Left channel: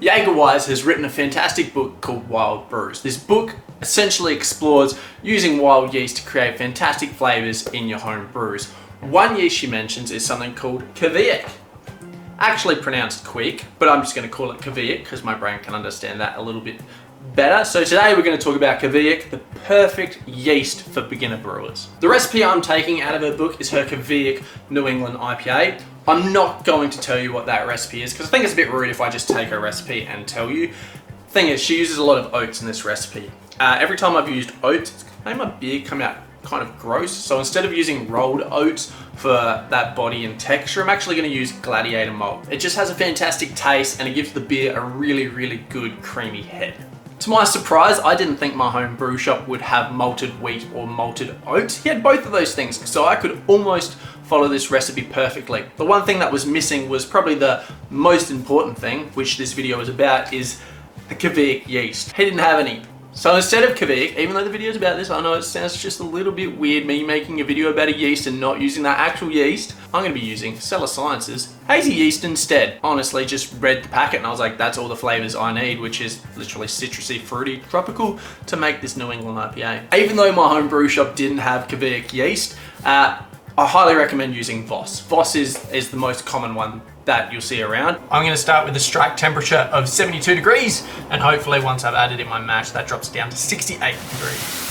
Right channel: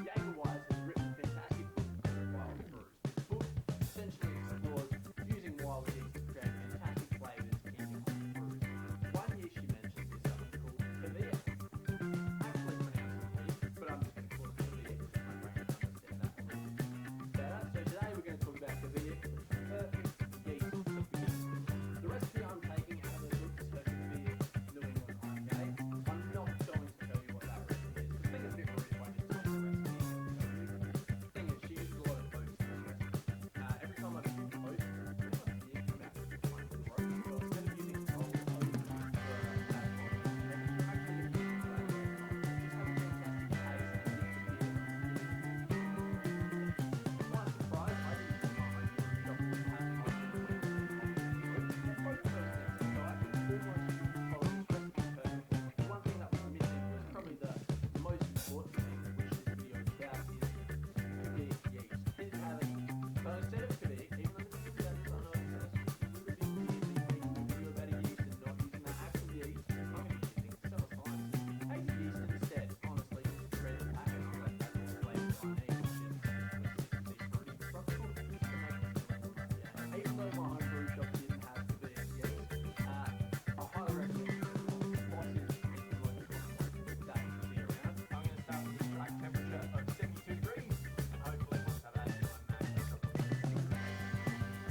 Jaeger Wise has written a fantastic book called Wild Brews. This book essentially explores using wild yeast to create fantastic flavors in your home brews. One yeast she mentions is something called Kveik. Actually pronounced Kveik, but I'm just going to call it Kveik because my brain can understand that a little bit better. So today we're going to talk about Kveik, the perfect yeast for beginner brewers. The recipe I'm taking out of her book is her Kveik New England IPA. I'm not going to tell you what that recipe is because I think it's a bit rude if I just take her recipe and tell you. Thing is, she uses a lot of oats in this recipe. Every time I've used oats, it's made my beer come out kind of gross. So instead of using rolled oats for that body and texture, I'm actually going to use Gladiator malt. It just has a fantastic taste and it gives the beer a really, really good creamy head. To my surprise, I didn't think my home brew shop would have malted wheat or malted oats. He had both of those things, so I could almost follow this recipe perfectly. The one thing that was missing was probably the most important thing, which this video is about, is the Kveik yeast. He didn't have any. So instead of Kveik, even though the video is about this, I know it sounds just a little bit weird, me making a video about a yeast and not using that actual yeast, I'm going to be using Cellar Science's hazy yeast instead. Honestly, just read the packet and I was like, that's all the flavors I need, which is literally citrusy, fruity, tropical, to make this New England IPA. Even though my home brew shop didn't have Kveik yeast, I highly recommend using Voss. Voss is the most common one that you'll see around. I'm going to start with a strike temperature of 72 degrees, and hopefully once I've added in my mash, that drops down to 68 degrees.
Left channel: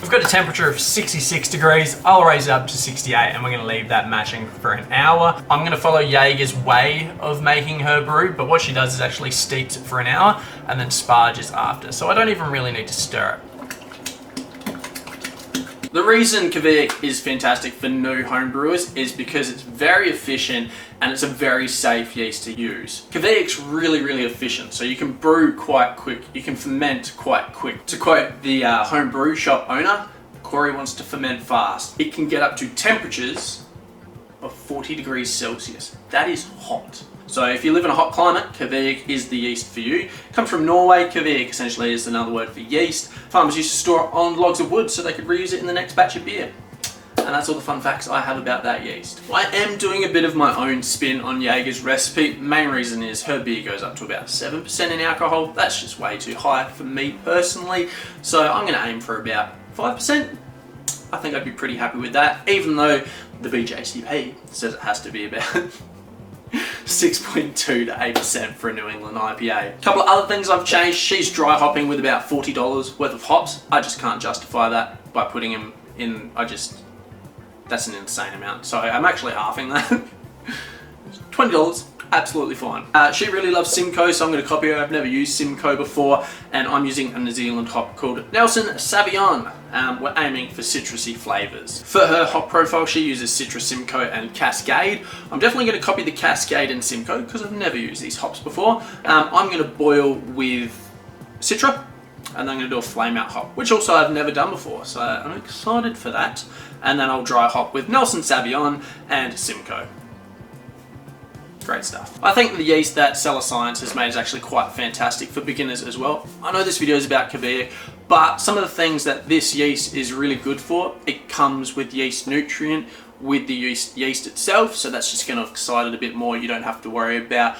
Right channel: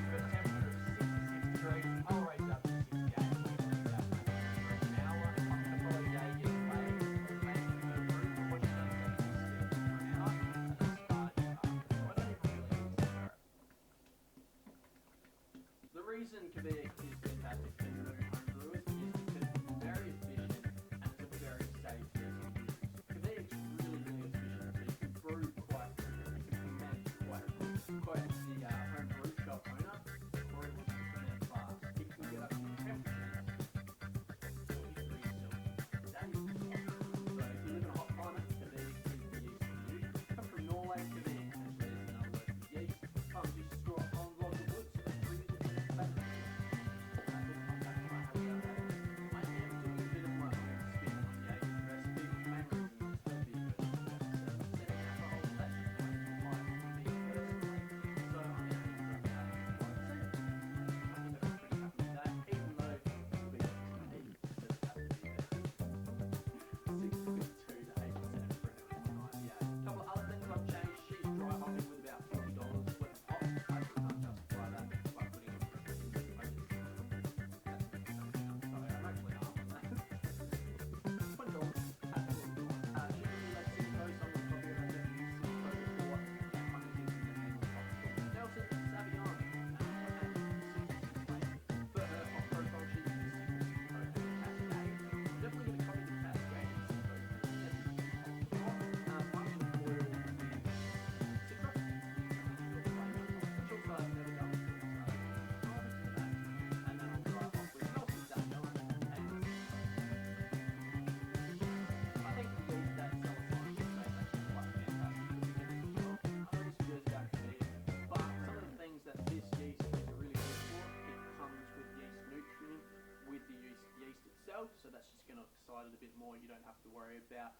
We've got a temperature of 66 degrees. I'll raise it up to 68 and we're going to leave that mashing for an hour. I'm going to follow Jaeger's way of making her brew, but what she does is actually steeps it for an hour and then sparges after. So I don't even really need to stir it. The reason Kveik is fantastic for new home brewers is because it's very efficient and it's a very safe yeast to use. Kveik's really, really efficient, so you can brew quite quick, you can ferment quite quick. To quote the home brew shop owner, Corey wants to ferment fast. It can get up to temperatures of 40 degrees Celsius. That is hot. So if you live in a hot climate, Kveik is the yeast for you. It comes from Norway. Kveik essentially is another word for yeast. Farmers used to store it on logs of wood so they could reuse it in the next batch of beer. And that's all the fun facts I have about that yeast. I am doing a bit of my own spin on Jaeger's recipe. Main reason is her beer goes up to about 7% in alcohol. That's just way too high for me personally. So I'm gonna aim for about 5%. I think I'd be pretty happy with that, even though the BJCP says it has to be about 6.2 to 8% for a New England IPA. A couple of other things I've changed. She's dry hopping with about $40 worth of hops. I just can't justify that by putting them in. That's an insane amount. So I'm actually halving that. $20, absolutely fine. She really loves Simcoe, so I'm going to copy her. I've never used Simcoe before, and I'm using a New Zealand hop called Nelson Sauvignon. We're aiming for citrusy flavors. For her hop profile, she uses Citrus, Simcoe, and Cascade. I'm definitely going to copy the Cascade and Simcoe because I've never used these hops before. I'm going to boil with Citra, and then I'm going to do a flame out hop, which also I've never done before, so I'm excited for that. And then I'll dry hop with Nelson Sauvignon and Simcoe. Great stuff. I think the yeast that Cellar Science has made is actually quite fantastic for beginners as well. I know this video is about Kveik, but some of the things that this yeast is really good for, it comes with yeast nutrient with the yeast itself, so that's just going to excite it a bit more. You don't have to worry about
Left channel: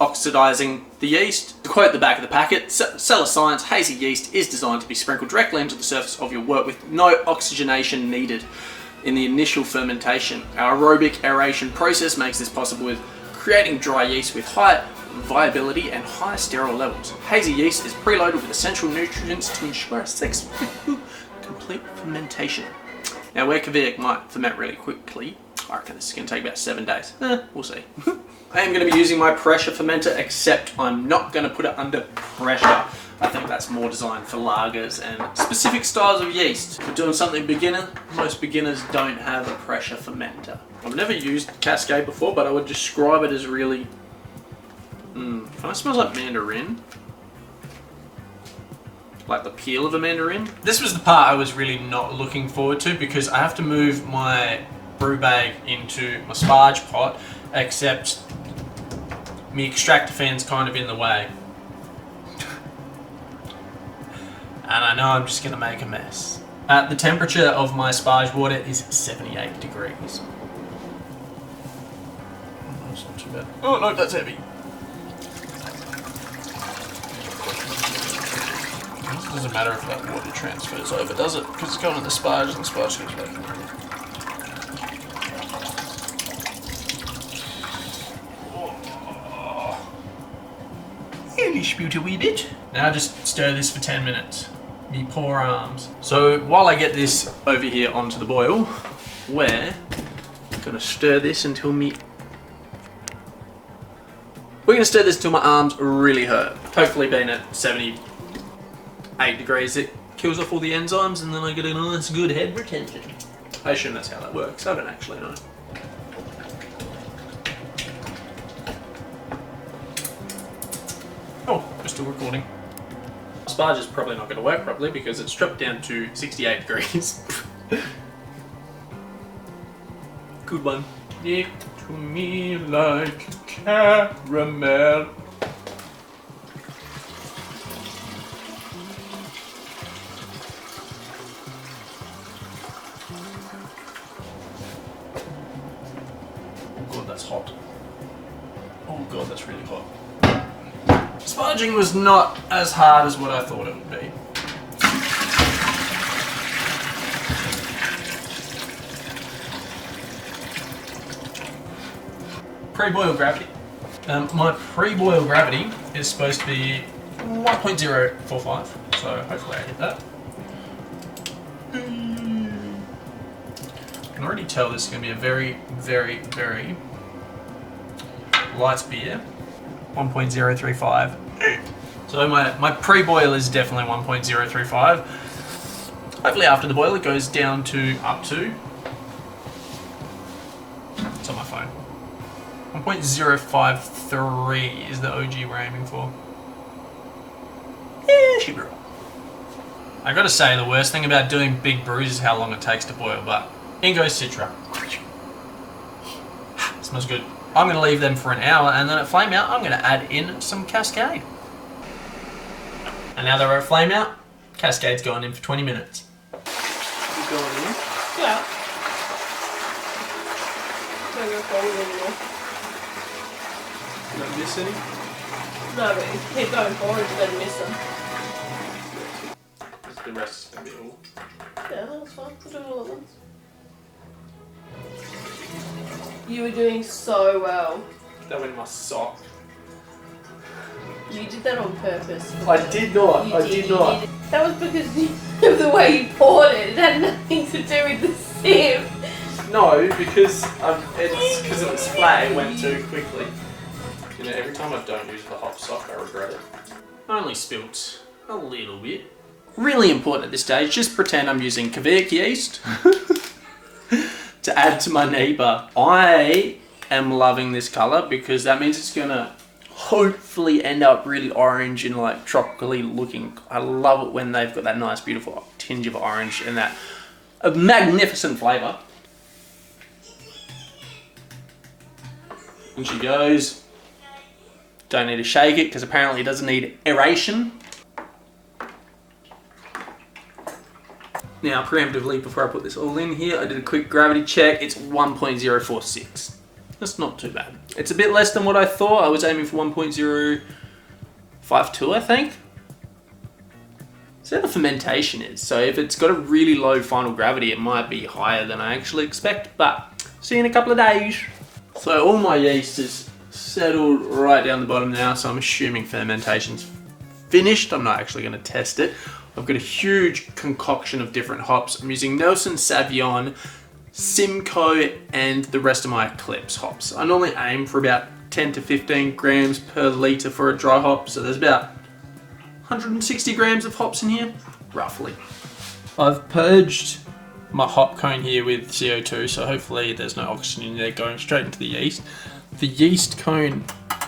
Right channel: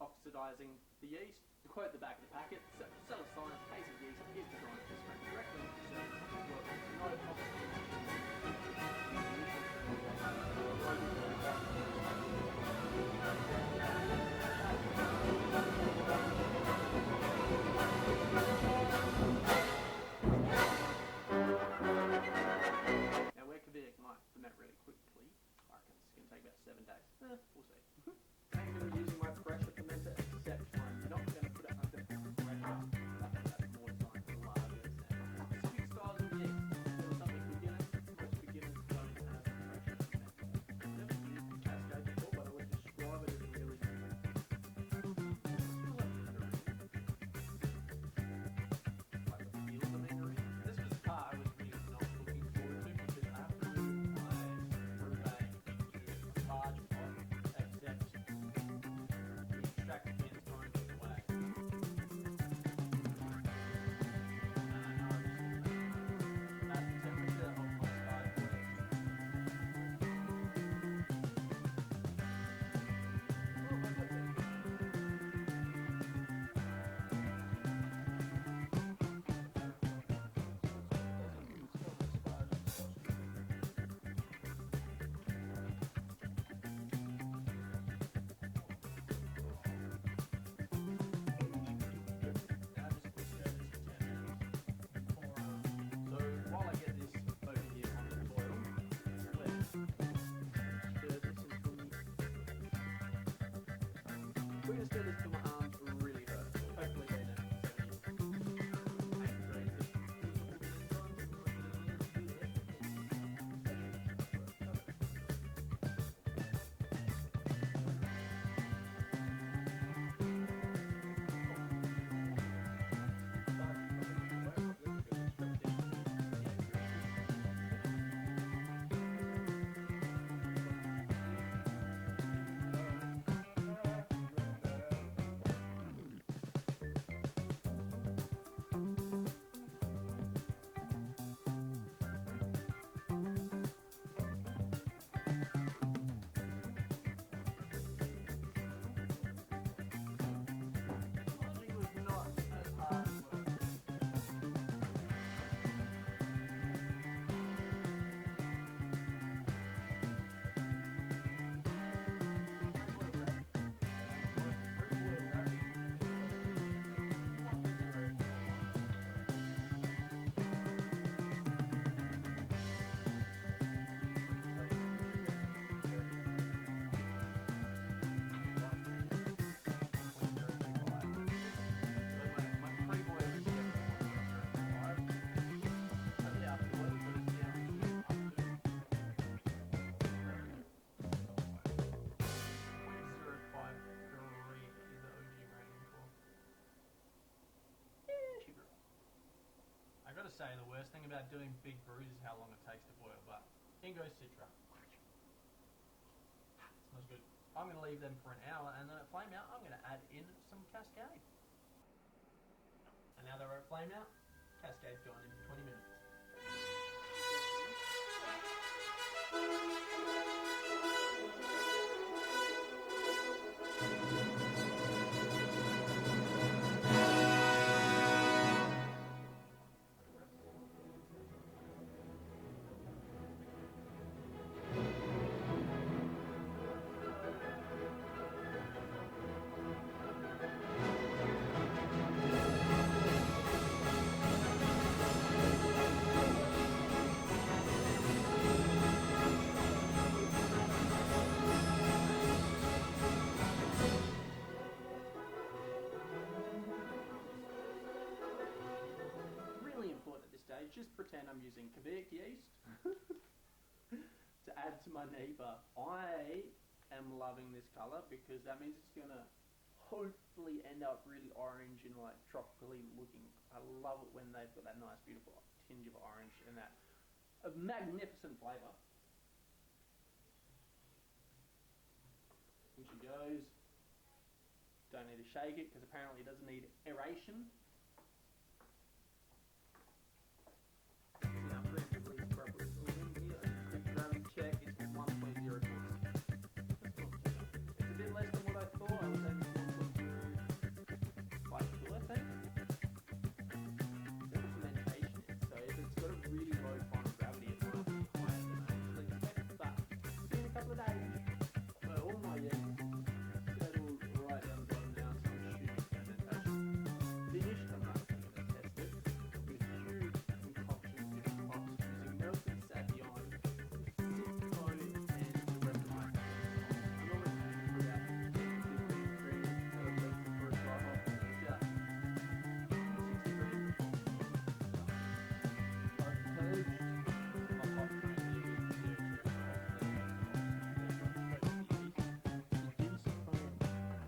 oxidizing the yeast. To quote the back of the packet, Cellar Science hazy yeast is designed to be sprinkled directly into the surface of your work with no oxygenation needed in the initial fermentation. Our aerobic aeration process makes this possible with creating dry yeast with high viability and high sterile levels. Hazy yeast is preloaded with essential nutrients to ensure a successful complete fermentation. Now where Kveik might ferment really quickly, I reckon this is going to take about 7 days. We'll see. I am going to be using my pressure fermenter, except I'm not going to put it under pressure. I think that's more designed for lagers and specific styles of yeast. We're doing something beginner. Most beginners don't have a pressure fermenter. I've never used Cascade before, but I would describe it as really... kind of smells like mandarin. Like the peel of a mandarin. This was the part I was really not looking forward to because I have to move my brew bag into my sparge pot, except my extractor fan's kind of in the way. And I know I'm just going to make a mess. The temperature of my sparge water is 78 degrees. That's not too but oh no, that's heavy. It doesn't matter if that water transfers over, does it? Because it's going in the sparge and the sparge goes back in the water. Only spout a wee bit. Now just stir this for 10 minutes. Me poor arms. So while I get this over here onto the boil, we're gonna stir this until my arms really hurt. Hopefully being at 78 degrees, it kills off all the enzymes and then I get a nice good head retention. I assume that's how that works. I don't actually know. Oh, we're still recording. Sparge is probably not going to work properly because it's dropped down to 68 degrees. Good one. Stick to me like caramel. Oh god, that's hot. Oh god, that's really hot. Sparging was not as hard as what I thought it would be. Pre-boil gravity. My pre-boil gravity is supposed to be 1.045, so hopefully I hit that. I can already tell this is going to be a very, very, very light beer. 1.035. So my pre-boil is definitely 1.035. Hopefully after the boil it goes down to up to, it's on my phone, 1.053 is the OG we're aiming for. Yeah, should be right. I gotta say, the worst thing about doing big brews is how long it takes to boil, but in goes Citra. Smells good. I'm going to leave them for an hour, and then at flame out, I'm going to add in some Cascade. And now they're at flame out, Cascade's going in for 20 minutes. You going in? Yeah. Don't go forward anymore. You don't miss any? No, but if you keep going forward, you're going to miss them. The rest is going to be all. Yeah, that's fine. We'll do it all at once. You were doing so well. That went in my sock. You did that on purpose. I did not. I did not. That was because of the way you poured it. It had nothing to do with the sieve. No, because it's because it was flat. It went too quickly. You know, every time I don't use the hot sock, I regret it. I only spilt a little bit. Really important at this stage. Just pretend I'm using Kveik yeast. To add to my neighbour. I am loving this colour because that means it's gonna hopefully end up really orange and like tropically looking. I love it when they've got that nice beautiful tinge of orange and that a magnificent flavour. In she goes. Don't need to shake it because apparently it doesn't need aeration. Now, preemptively, before I put this all in here, I did a quick gravity check. It's 1.046. That's not too bad. It's a bit less than what I thought. I was aiming for 1.052, I think. So the fermentation is. So if it's got a really low final gravity, it might be higher than I actually expect. But see you in a couple of days. So all my yeast is settled right down the bottom now. So I'm assuming fermentation's finished. I'm not actually going to test it. I've got a huge concoction of different hops. I'm using Nelson Sauvignon, Simcoe, and the rest of my Eclipse hops. I normally aim for about 10 to 15 grams per litre for a dry hop, so there's about 160 grams of hops in here, roughly. I've purged my hop cone here with CO2, so hopefully there's no oxygen in there going straight into the yeast. The yeast cone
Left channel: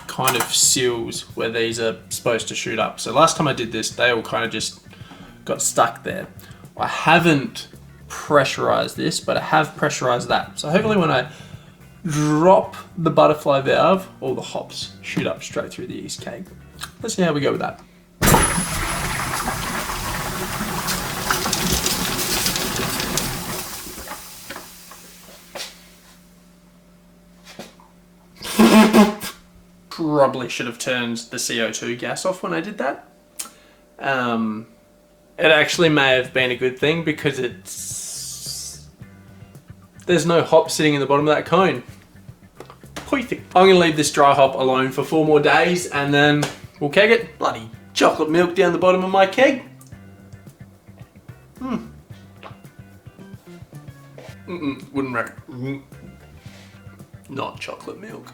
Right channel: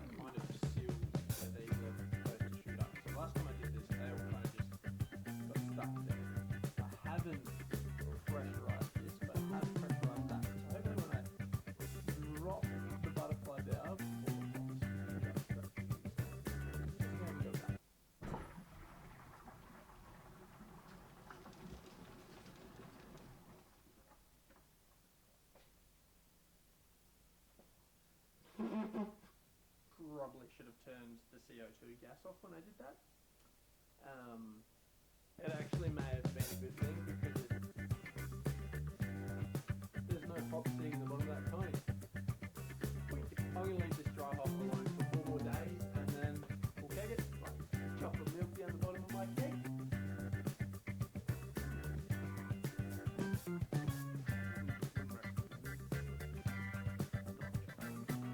kind of seals where these are supposed to shoot up. So last time I did this, they all kind of just got stuck there. I haven't pressurized this, but I have pressurized that. So hopefully when I drop the butterfly valve, all the hops shoot up straight through the yeast keg. Let's see how we go with that. probably should have turned the CO2 gas off when I did that. It actually may have been a good thing because there's no hop sitting in the bottom of that cone. Perfect. I'm gonna leave this dry hop alone for 4 more days and then we'll keg it. Bloody chocolate milk down the bottom of my keg. Wouldn't recommend. Not chocolate milk.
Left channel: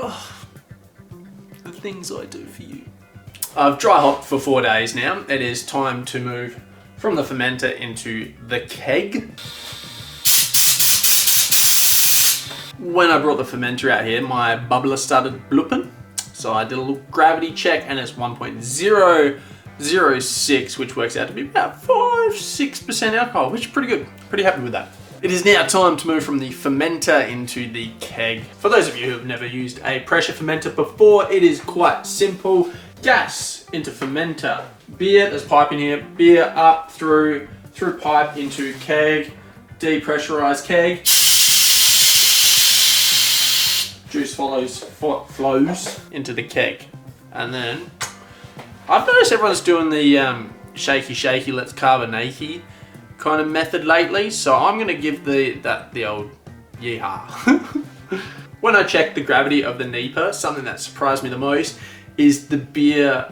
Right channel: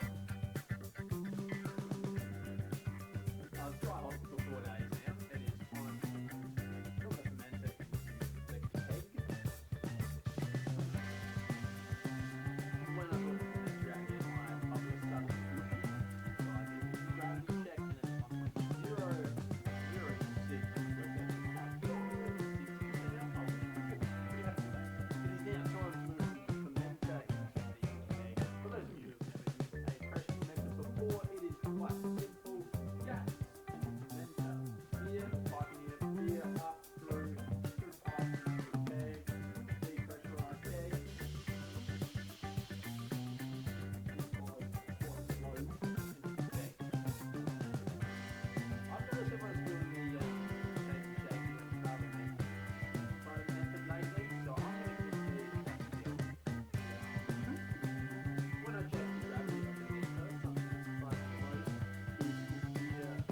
Oh, the things I do for you. I've dry hopped for 4 days now. It is time to move from the fermenter into the keg. When I brought the fermenter out here, my bubbler started blooping. So I did a little gravity check and it's 1.006, which works out to be about 5-6% alcohol, which is pretty good. Pretty happy with that. It is now time to move from the fermenter into the keg. For those of you who have never used a pressure fermenter before, it is quite simple. Gas into fermenter. Beer, there's pipe in here. Beer up through pipe into keg. Depressurized keg. Juice flows into the keg. And then, I've noticed everyone's doing the shaky, let's carbonate kind of method lately, so I'm gonna give the old yeehaw. When I checked the gravity of the NEPA, something that surprised me the most is the beer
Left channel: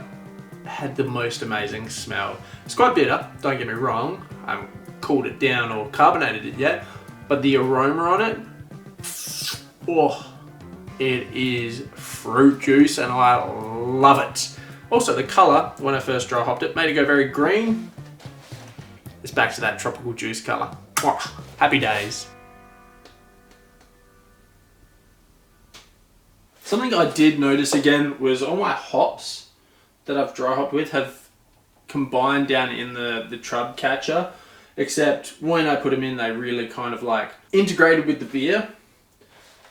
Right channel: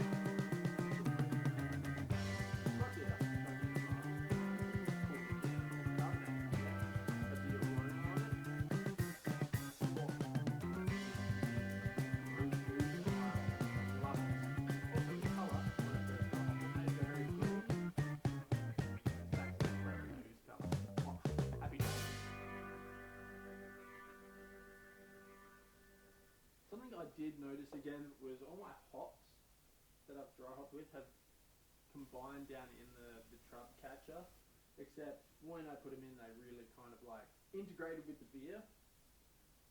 had the most amazing smell. It's quite bitter, don't get me wrong. I haven't cooled it down or carbonated it yet, but the aroma on it, oh, it is fruit juice and I love it. Also the color, when I first dry hopped it, made it go very green. It's back to that tropical juice color. Oh, happy days. Something I did notice again was all my hops that I've dry hopped with have combined down in the trub catcher, except when I put them in, they really kind of like integrated with the beer.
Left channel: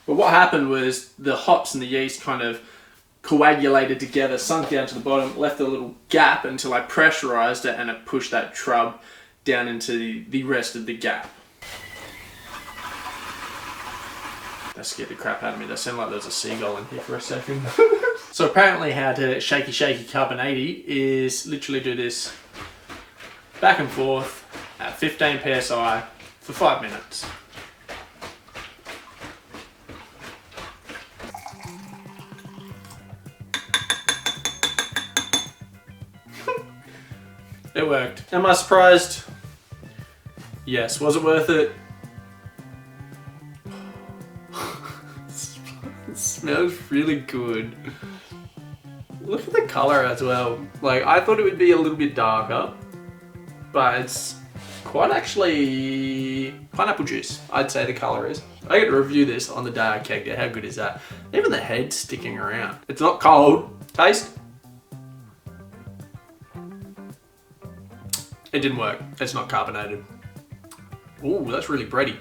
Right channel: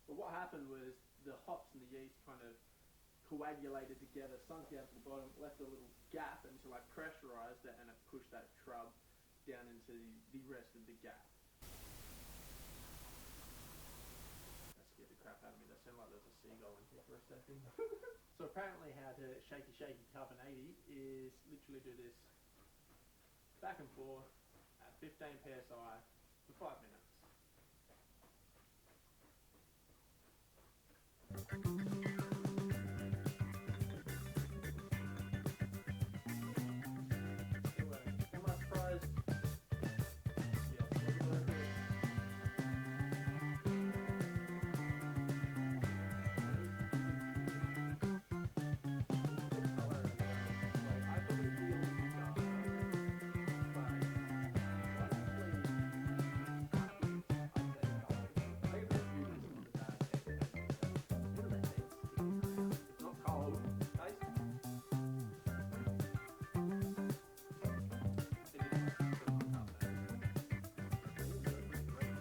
But what happened was the hops and the yeast kind of coagulated together, sunk down to the bottom, left a little gap until I pressurized it and it pushed that trub down into the rest of the gap. That scared the crap out of me. That sounded like there was a seagull in here for a second. So apparently how to shaky carbonate is literally do this back and forth at 15 psi for 5 minutes. It worked. Am I surprised? Yes. Was it worth it? It smells really good. Look at the color as well. Like, I thought it would be a little bit darker, but it's quite actually pineapple juice, I'd say the color is. I get to review this on the day I kegged it. How good is that? Even the head's sticking around. It's not cold. Taste. It didn't work. It's not carbonated. Ooh, that's really bready.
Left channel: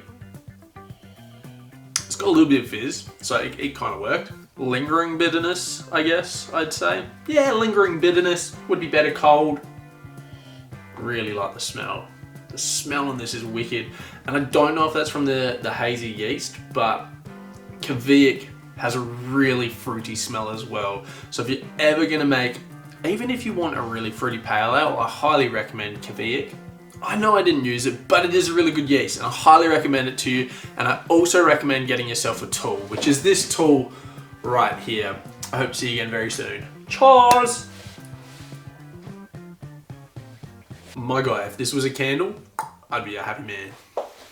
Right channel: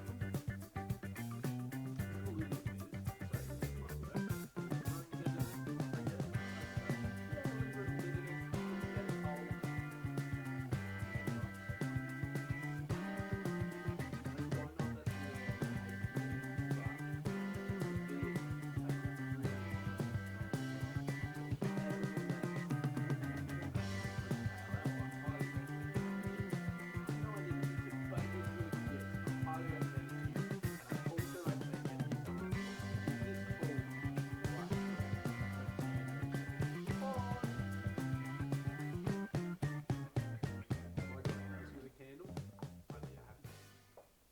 It's got a little bit of fizz, so it kind of worked. Lingering bitterness, I guess, I'd say. Yeah, lingering bitterness would be better cold. Really like the smell. The smell on this is wicked. And I don't know if that's from the hazy yeast, but Kveik has a really fruity smell as well. So if you're ever gonna make, even if you want a really fruity pale ale, I highly recommend Kveik. I know I didn't use it, but it is a really good yeast and I highly recommend it to you. And I also recommend getting yourself a tool, which is this tool right here. I hope to see you again very soon. Cheers! My guy, if this was a candle, I'd be a happy man.